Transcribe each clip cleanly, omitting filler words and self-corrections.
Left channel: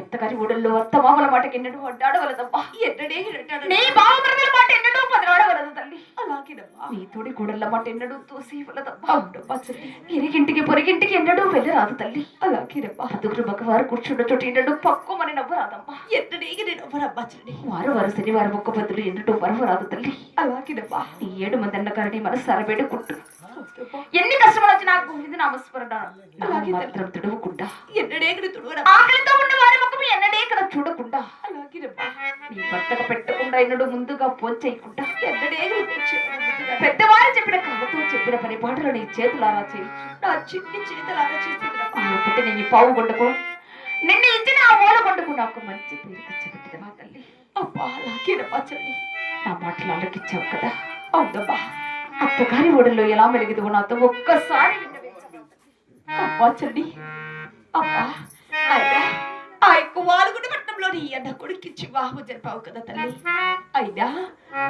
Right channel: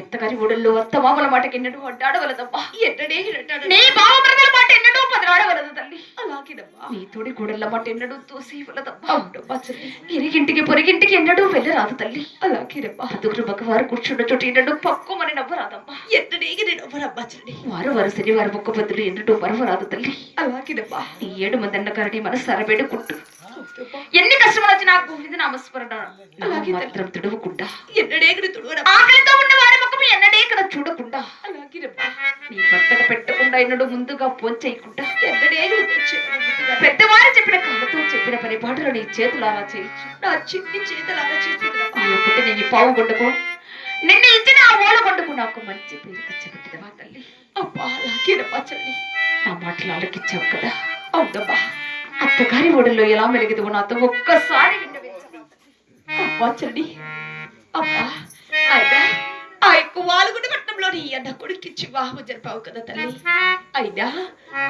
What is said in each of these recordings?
ఎంతగాని ఊడల్లో అత్త మామల మాటకి ఎన్నడూ అడ్డాడవలదమ్మా. నీ బావమరదల మాట ఎన్నడూ పదరాడవలదు తల్లి. అలాగేనమ్మా. నీ తోడి గూడల మాట ఎన్నడూ తోసేవలదమ్మా. ఇరిగింటికి పొరిగింటికి ఎన్నడూ వెళ్ళరాదు తల్లి. అలాగేనమ్మా. అదుగురు మగవారు కూర్చున్న చోటు ఎన్నడూ పక్కుమని నవ్వరాదమ్మా. ఎన్నడేగి నేను నవ్వరమ్మా చెల్లి. వారు వారు శనివారం ఒక్క బదులు ఎన్నడూ మరవరాదు తల్లి. అలాగేనమ్మా. ఈ 7 మంది అన్నగారిని మనసారా వేడుకుంటూ ఎన్ని కష్టములు వచ్చినా గోవింద నామస్మరణ అలాగే మాత్రం తుడవకుండా ఎన్నడేకడ తుడవడం ఆకలితో ఉన్న వారి ముఖం ఎన్నడేకడ చూడకుండా అలాగే నీ భర్తకు పెట్టకుండా ఎన్నడూ ముందుగా పోంచేయకుండా ఎన్నడేకడ పెద్దవారు చెప్పిన కళ్ళతో చెప్పిన పరిపాటలు నీ చేతులారా చేయొచ్చు. నా చిన్ని చేతులారా చేసి నేను పావు కొండకు నిన్న ఇచ్చిన ఆ ఓల కొండకు నాకు మంచి పేరు తెచ్చిపెట్టిదమ్మా తల్లి. అబ్బా అలాగేనమ్మా చెల్లి. నా మాటలు ఆలకిచ్చావు కదా. అవునమ్మా. అత్తగారి ఒడిలో ఎలా మెలిగిదువు నాతో ఒక్కసారి అబ్బా చెల్లి. అబ్బా అయినా ఆ యొక్క వాలుగుండ పట్టణంలో నీ అన్న కొడుకిచ్చి వివాహం జరిపావు కదా తల్లి. అయినా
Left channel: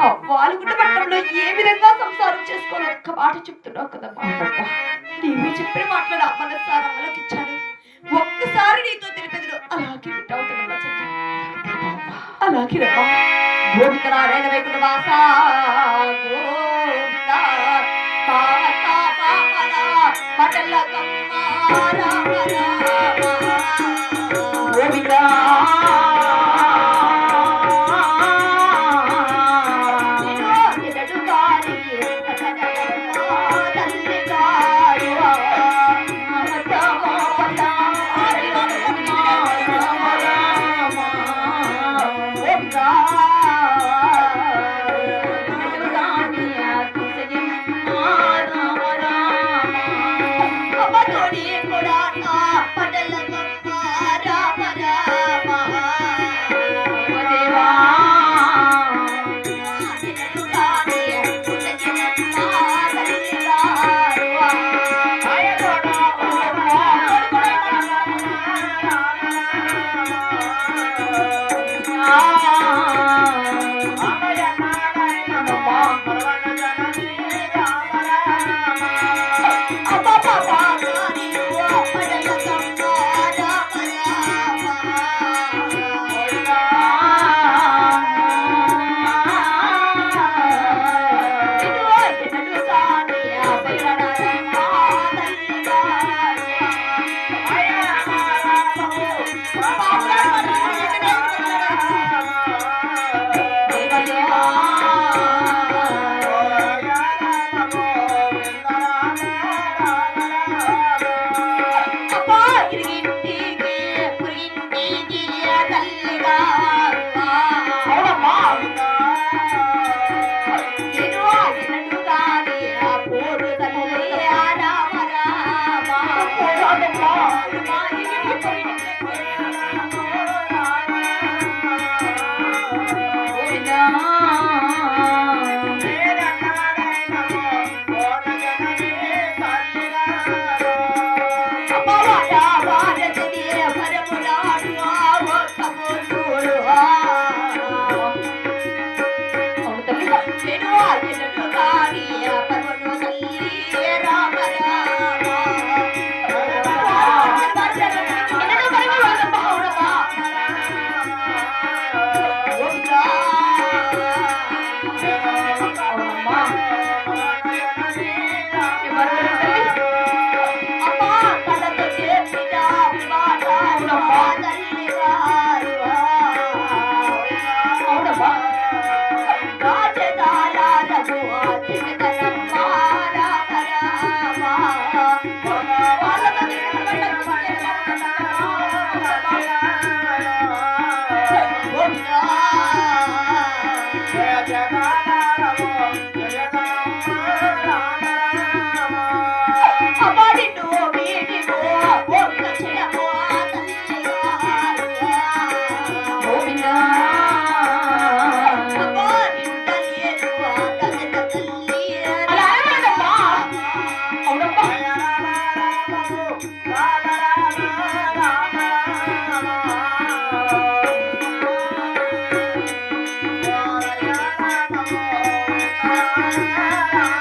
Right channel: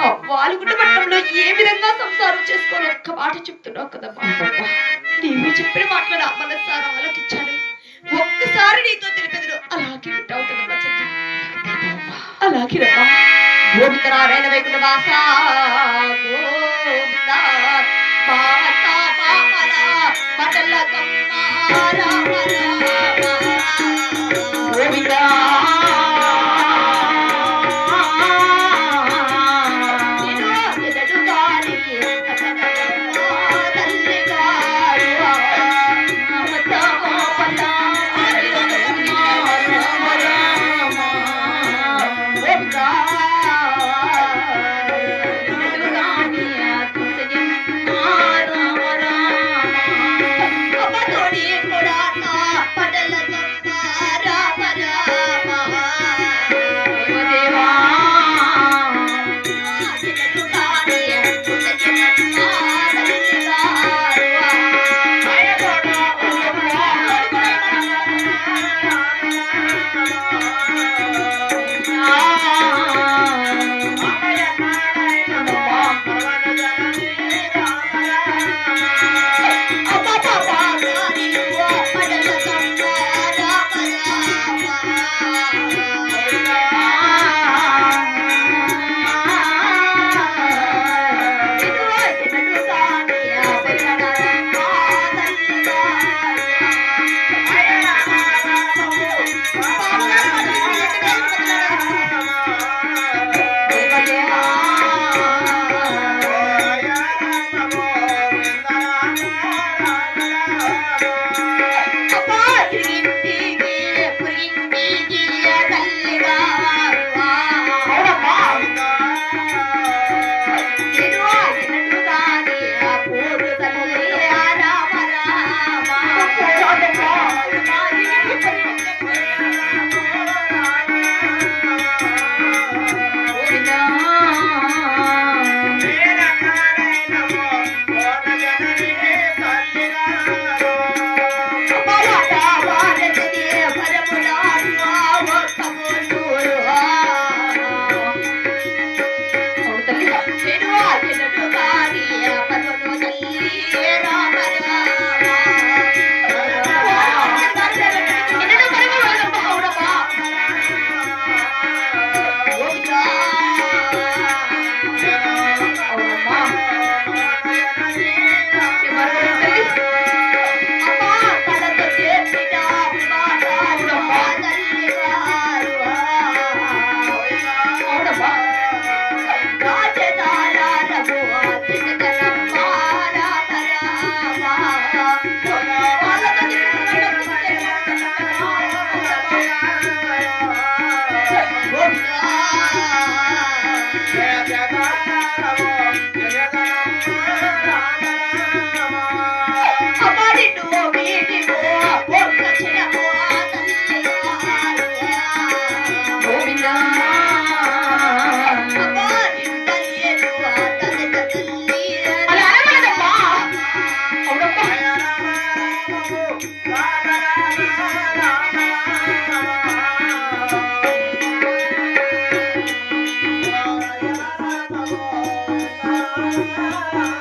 ఆ వాలుగుండ పట్టణంలో ఏ విధంగా సంసారం చేసుకోవాలి ఒక్క మాట చెప్తున్నావు కదమ్మా. నీవు చెప్పిన మాటలు నా మనసారా ఆలోకించాను. ఒక్కసారి నీతో తెలిపేది అలాగే వింటావు కదమ్మా చెల్లి. అలాగే రమ్మా. గోవిందనారాయణ వైకుంఠ వాస గోవింద పాత పాపల పటల కమ్మ రామ రామ గోవింద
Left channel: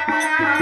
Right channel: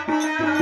Thank you.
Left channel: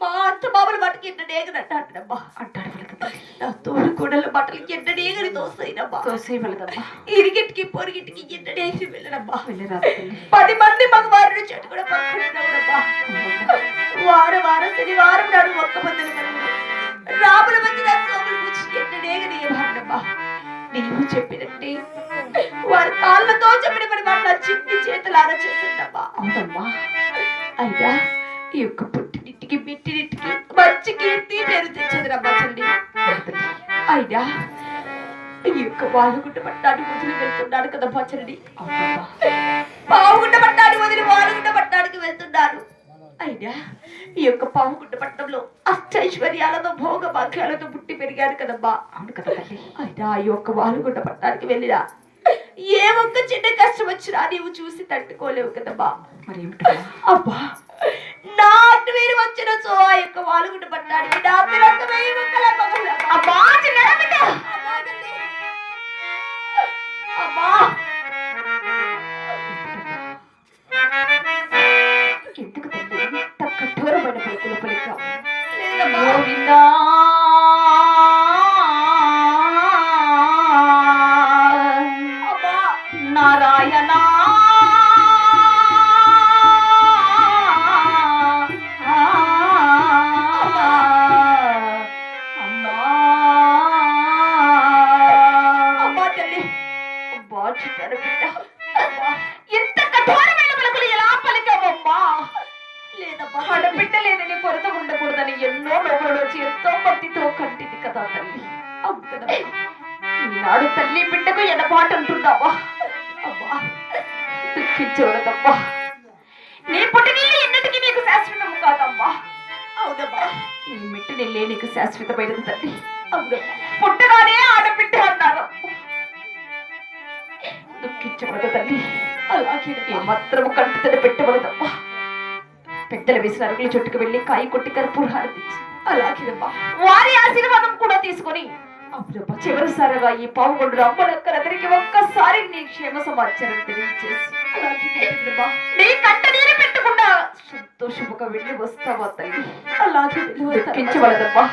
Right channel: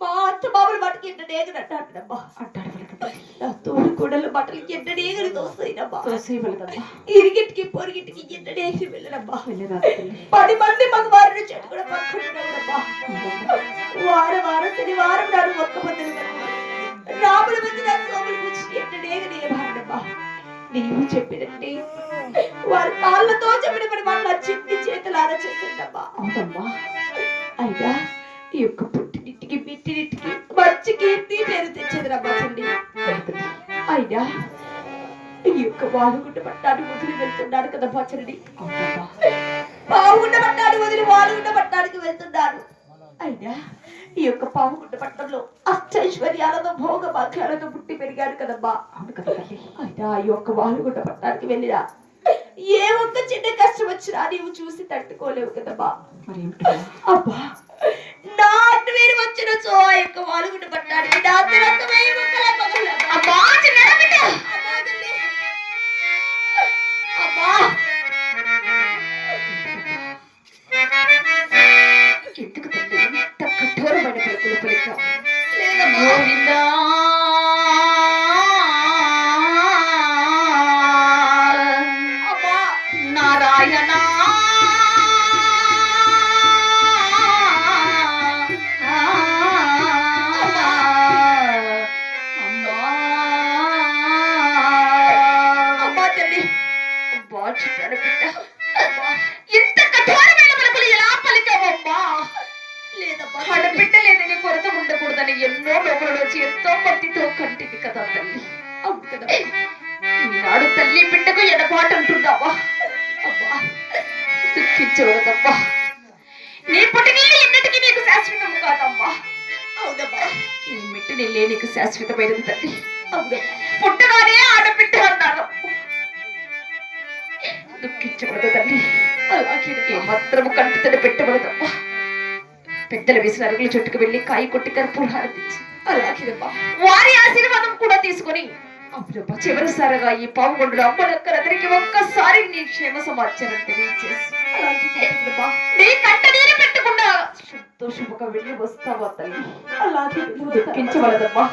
మా అత్త బాబుల బట్టకి ఎంత డేగని అంటాడమ్మా. నా తోడు కూడల బట్టలకి ఎంత డేగని తోస్తాయినమ్మా. ఇరిగిటికి పొరిగిటికి ఎంత డేసి వెళ్ళడమ్మా. 10 మంది మగవారిని చెట్టు కూడా పక్కనమ్మా. వారం శనివారం నాడు ఒక్క మందిని రాముల మధ్య నా సోములు కూర్చి ఎంత డేగని ఏమాడమ్మా. నీవు చెప్పినట్టే వారి కాళ్ళతో చెప్పిన పని మాట చిన్ని చేతులారా చేస్తుండమ్మా. అవునమ్మా. అయినా ఈ యొక్క పుట్టినింటికి బిట్టినింటికి మంచి కీర్తి పేరు తెచ్చదురమ్మా తల్లి. అయినా ఈ యొక్క వాలుగుంట పట్టాన్ని వదిలి వెళ్తున్నాడు కదా పచ్చడి. పావుగుంట పట్టాన్ని వదిలి వాలుగుంట పట్టానికి వెళ్తున్నాడు. అయినా ఈ యొక్క పావుగుంట పట్టణంలో అష్టైశ్వర్యాలతో భోగ భాగ్యాలతో పుట్టి పెరిగాడు కదమ్మా. అవును కదా తల్లి. అయినా ఈ యొక్క వాలుగుంట పట్టానికి వెళ్ళినా ఏ ఒక్క చిన్న కష్టం వచ్చినా నీవు చూసి తట్టుకోలేవు కదమ్మా. మరి అబ్బా నాటి మీరు వచ్చిన సో ఆ యొక్క వాలుగుంట పట్టానికి ఎందుకు తండ్రి ఇంత కఠోరమైన పలుకులు పలికావు? గోవిందా నారాయణ ఇంత కఠోరమైన పలుకులు ఎలా పలికావమ్మా? లేదమ్మా, ఆడబిడ్డలేని నీ కొరత ఉండకూడదని ఎన్నో లోపల వచ్చి ఎంతో భక్తితో కంటిది కదా తల్లి. ఈనాడు తల్లి బిడ్డకు ఎడబాటు అంటున్నావా? అమ్మా దుఃఖించవద్దమ్మా. నీ పుట్టినీళ్ళు ఎన్నటికీ నీకు శాశ్వతం కాదమ్మా. అవునమ్మా, ఈ మిట్టి నీళ్ళే నీకు శాశ్వతమైనది తల్లి. పుట్టగానే ఆడబిడ్డ అన్నారు. దుఃఖించవద్దు తల్లి. అలాగే మాత్రం కంటితడి పెట్టవలదమ్మా. పెద్దల వేసిన అరుగుల చుట్టుకు వెళ్ళి కాయి కొట్టి కర్పూరం హారతించి అలాగేనమ్మా వారి ఆశీర్వాదం కూడా తీసుకొని అప్పుడప్ప చివరిసారిగా ఈ పావుగొండలు అమ్మలక్కలందరికీ ఒక్కసారి నీ క్షేమ సమాచారం తెలియజేసి నీ కంట నీరు పెట్టకుండా సంతోషముగా వెళ్ళి వస్తావా తల్లి? అలాగే దుఃఖించవలదమ్మా.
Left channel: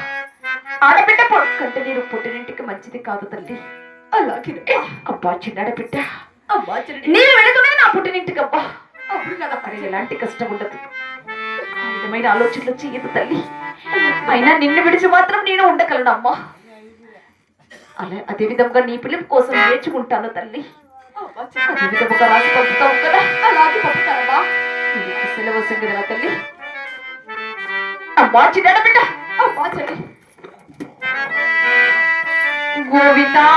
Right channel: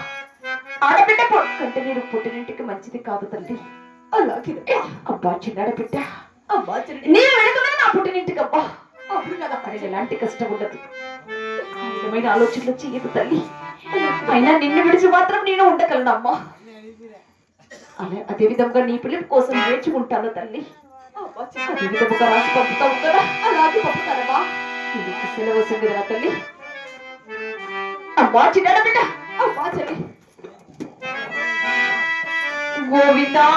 ఆడబిడ్డ కంట నీరు పుట్టినింటికి మంచిది కాదు తల్లి. అలాగే అబ్బా చిన్నాడ బిడ్డ నేను వెళుతున్నా నా పుట్టినింటికి. అబ్బా అప్పుడు నాకు అక్కడ ఎలాంటి కష్టం ఉండదు. విధమైన ఆలోచనలు చెయ్యదు తల్లి. అయినా నిన్ను విడిచి మాత్రం నేను ఉండగలను అమ్మా. అదే విధంగా నీ పిలుపు కోసం నేర్చుకుంటాను తల్లి. అదే విధముగా రాసి పంపుతావు కదా, అలాగే పంపుతానమ్మా. సెలవు సంగదా తల్లి. అమ్మా చిన్నాడ బిడ్డ. అమ్మా చెల్లి గోవిందా